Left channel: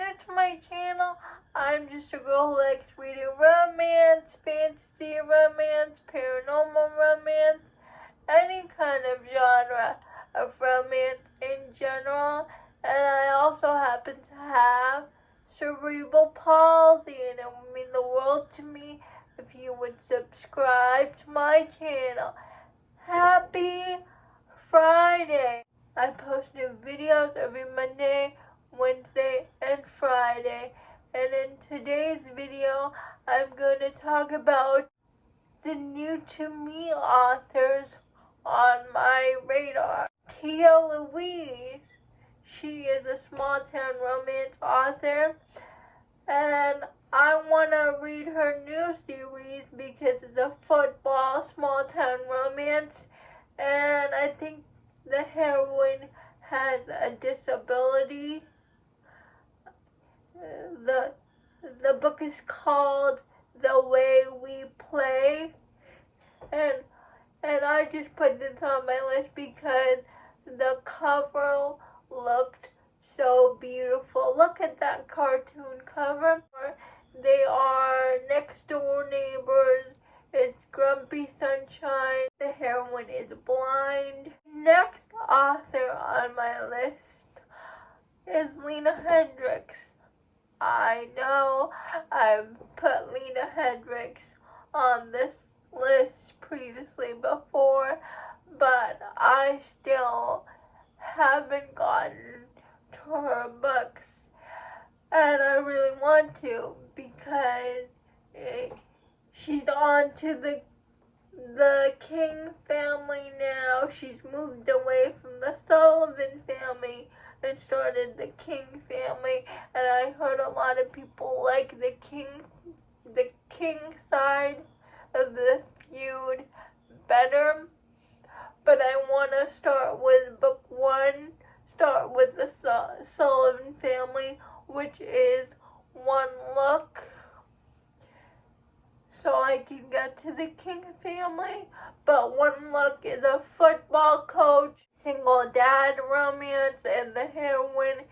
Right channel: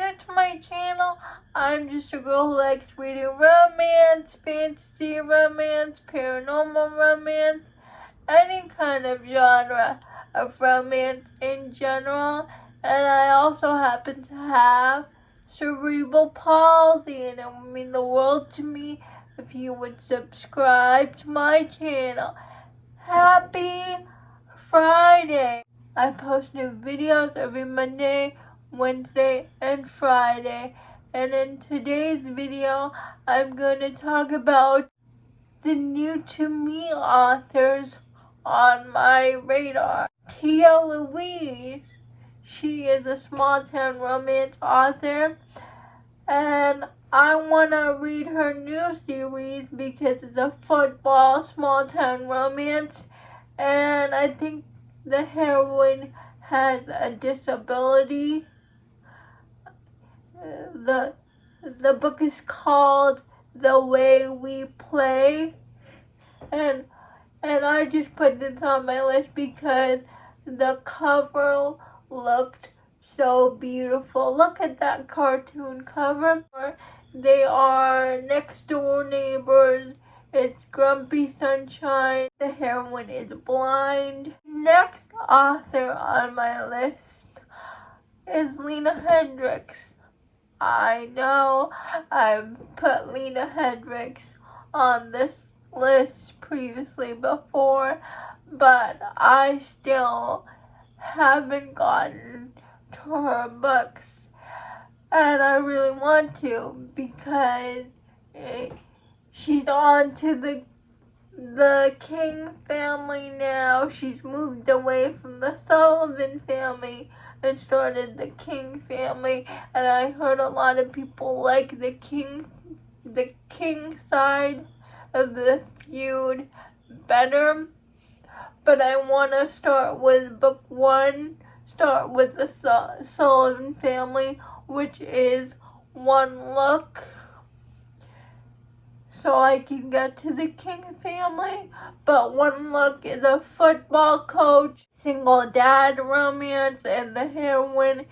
new to my channel, I'm just a girl who likes reading romance, fantasy romance, paranormal romance, any kind of genre of romance in general. And I also happen to have cerebral palsy, and it would mean the world to me if you would subscribe to my channel. Happy Friday! I post new videos every Monday, Wednesday, and Friday. And in today's video, I'm going to talk about the new to me authors on my radar. Louise. She is a small town romance author, and I want to read her new series because it's a football small town romance, and I think the heroine has a disability. The book is called The Way We Play, and I just put this on my list because the cover looked so beautiful. Look at that cartoon cover. They are next door neighbors. It's Grumpy Sunshine. The heroine is blind. Next author on my list is Lena Hendrix. I know I've put Lena Hendrix on this list previously before, but I still haven't gotten to her books, and I really want to because she's on to the King family now. She's moved away from the Sullivan family and started the King family, and I heard a lot of people like the King side of the feud better. But I want to start with book one, start with the Sullivan family, which is One Look, so I can get to the King family. But One Look is a football coach, single dad romance, and the heroine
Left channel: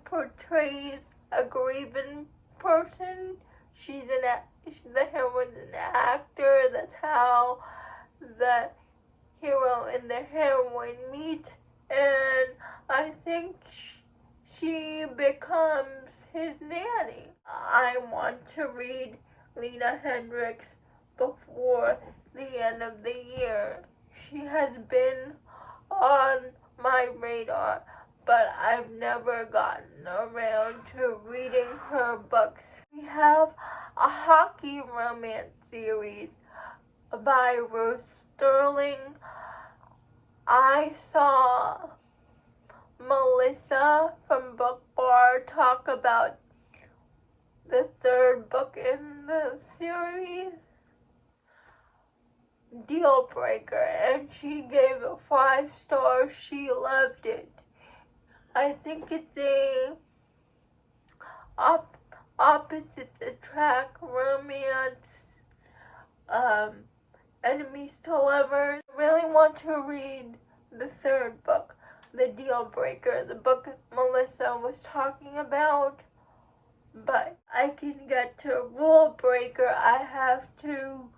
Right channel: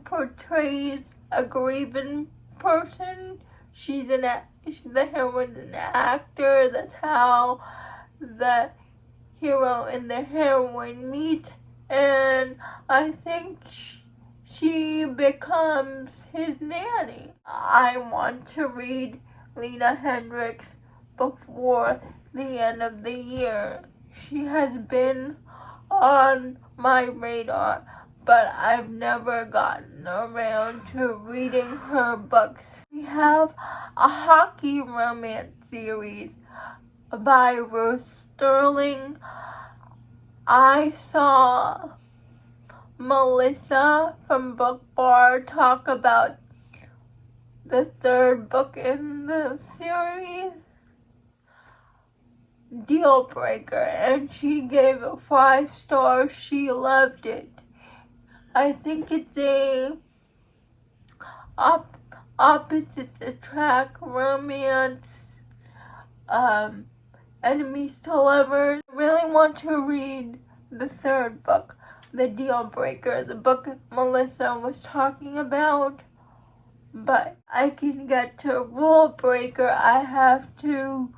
portrays a grieving person. The heroine's an actor. That's how the hero and the heroine meet, and I think she becomes his nanny. I want to read Lena Hendrix before the end of the year. She has been on my radar, but I've never gotten around to reading her books. We have a hockey romance series by Ruth Stilling. I saw Melissa from Book Bar talk about the third book in the series, Deal Breaker, and she gave it 5 stars. She loved it. I think it's a opposites attract romance, enemies to lovers. I really want to read the third book, The Deal Breaker, the book Melissa was talking about. But I can get to Rule Breaker. I have to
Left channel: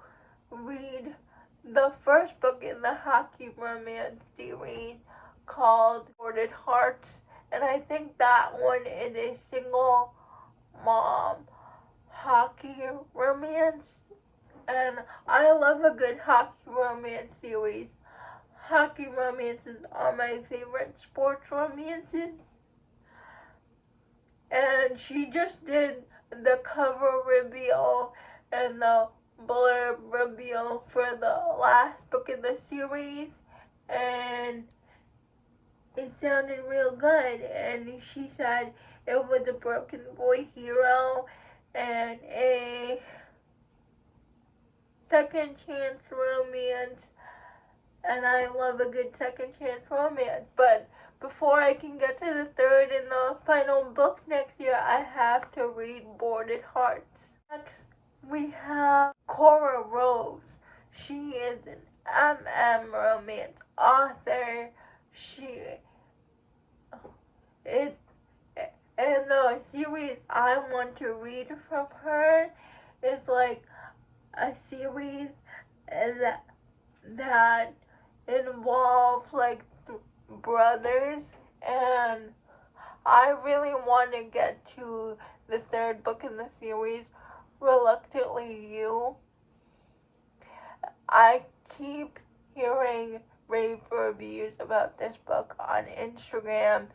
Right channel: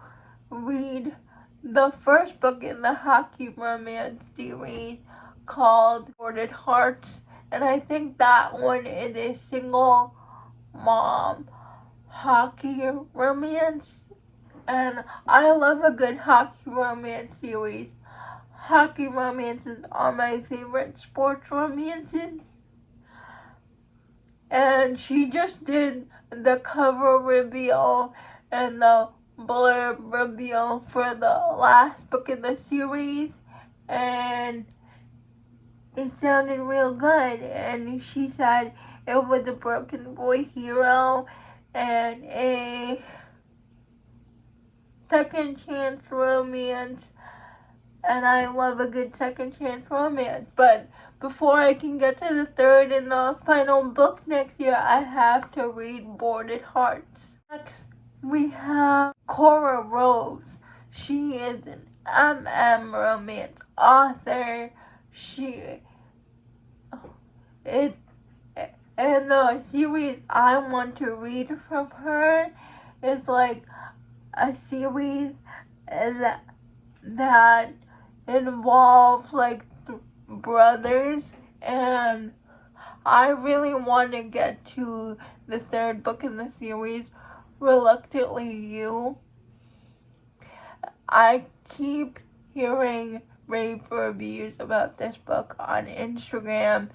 read the first book in the hockey romance series called Boarded Hearts, and I think that one is a single mom hockey romance, and I love a good hockey romance series. Hockey romances are my favorite sports romances, and she just did the cover reveal and the blurb reveal for the last book in the series, and it sounded real good. And she said it was a broken boy hero and a second chance romance, and I love a good second chance romance. But before I can get to the third and the final book next year, I have to read Boarded Hearts. Next, we have Cora Rose. She is an romance author. It And the series I want to read from her is like a series that involves like brothers, and I really want to get to the third book in the series, Reluctantly You. I keep hearing rave reviews about this book on Instagram.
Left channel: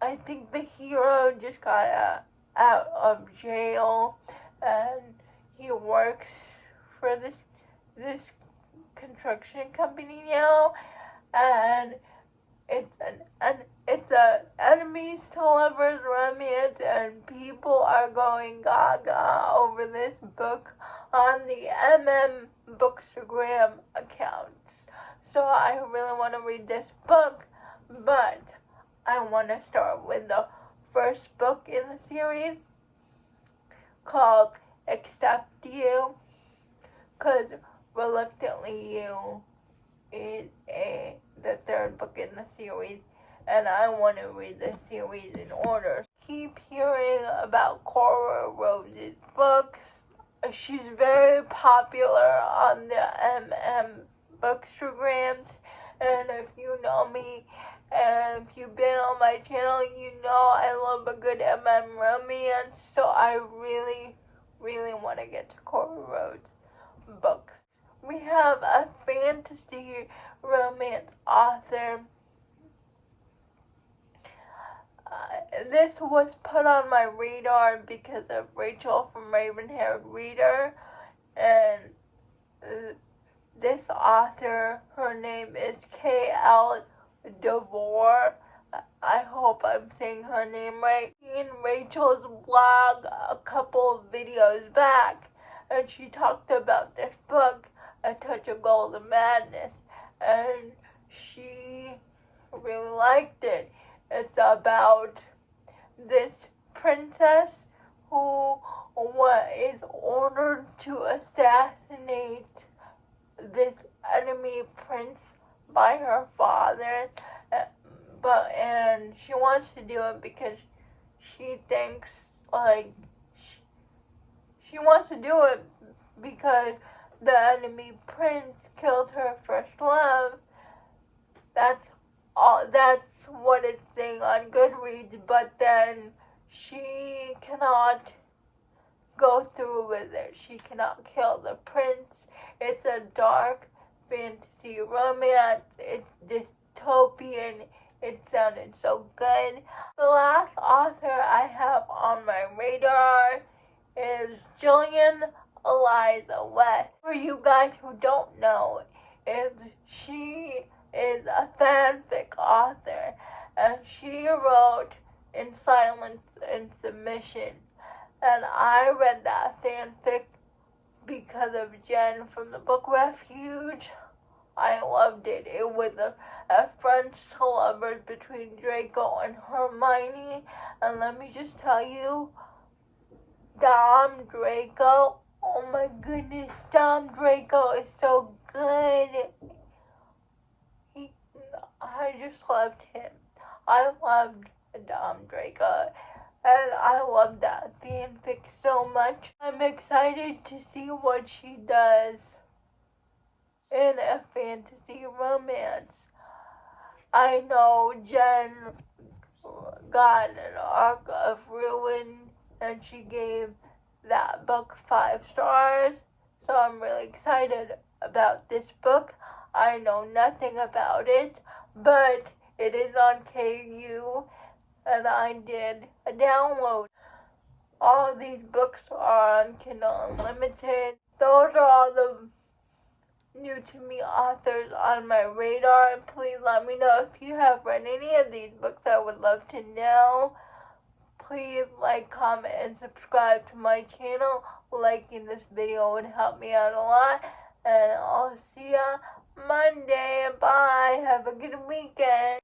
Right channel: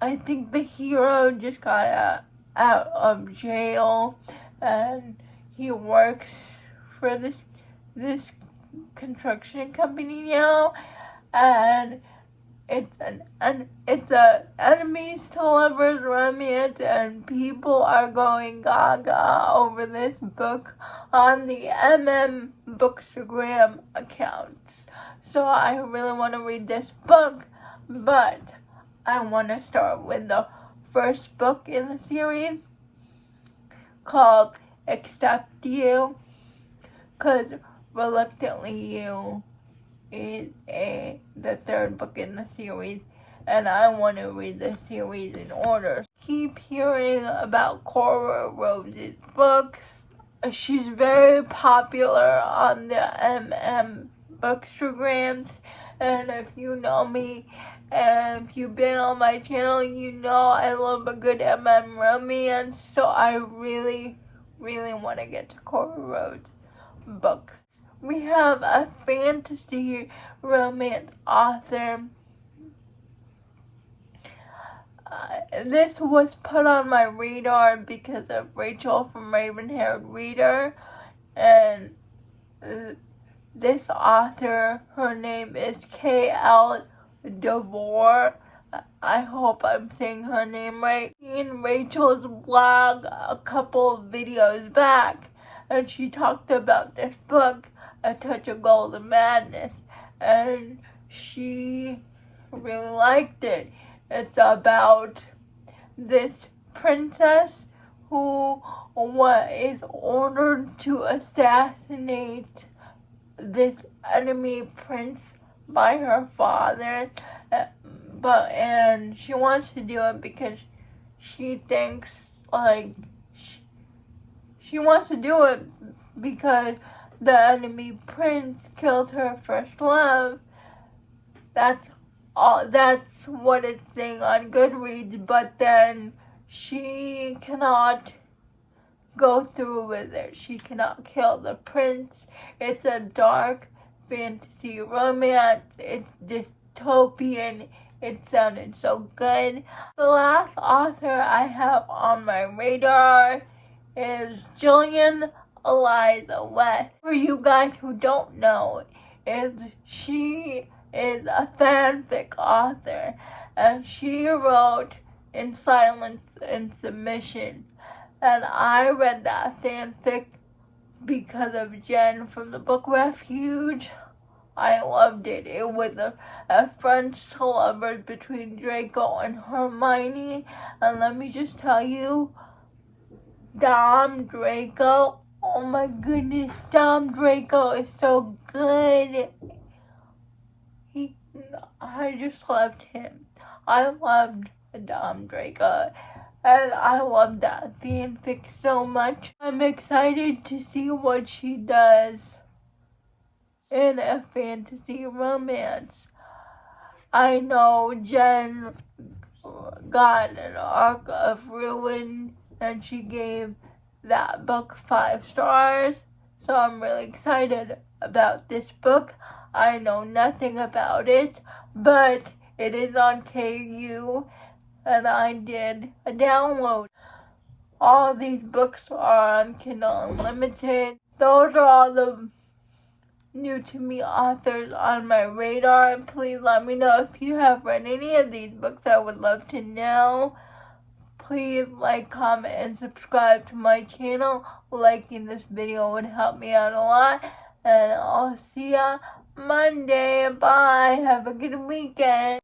I think the hero just got out of jail, and he works for this construction company now, and it's an enemies to lovers romance, and people are going gaga over this book on the Bookstagram accounts. So I really want to read this book, but I want to start with the first book in the series called Accept You, because Reluctantly You is the third book in the series, and I want to read the series in order. Keep hearing about Cora Rose's books. She's very popular on the Bookstagrams, and if you know me, and if you've been on my channel, you know I love a good romance, so I really, really want to get to Cora Rose's books. We have a fantasy romance author. This was put on my radar because of Rachel from Raven-Haired Reader, and this author, her name is K.L. Devore. I hope I'm saying her name right. In Rachel's blog a couple of videos back, and she talked about this book, A Touch of Golden Madness, and she really liked it. It's about this princess who is ordered to assassinate this enemy prince by her father, and she wants to do it because she thinks she wants to do it because the enemy prince killed her first love. That's what it's saying on Goodreads, but then she cannot go through with it. She cannot kill the prince. It's a dark fantasy romance. It's dystopian. It sounded so good. The last author I have on my radar is Gillian Eliza West. For you guys who don't know, she is a fanfic author, and she wrote In Silence and Submission, and I read that fanfic because of Jen from the book Refuge. I loved it. It was a French to lovers between Draco and Hermione, and let me just tell you, Dom Draco, oh my goodness, Dom Draco is so good. I just loved him. I loved Dom Draco, and I loved that fanfic so much. I'm excited to see what she does in a fantasy romance. I know Jen got an arc of Ruin, and she gave that book 5 stars, so I'm really excited about this book. I know nothing about it, but it is on KU, and I did a download. All these books are on Kindle Unlimited. Those are all the new to me authors on my radar, and please let me know if you have read any of these books. I would love to know. Please like, comment, and subscribe to my channel. Liking this video would help me out a lot, and I'll see ya Monday. Bye. Have a good weekend.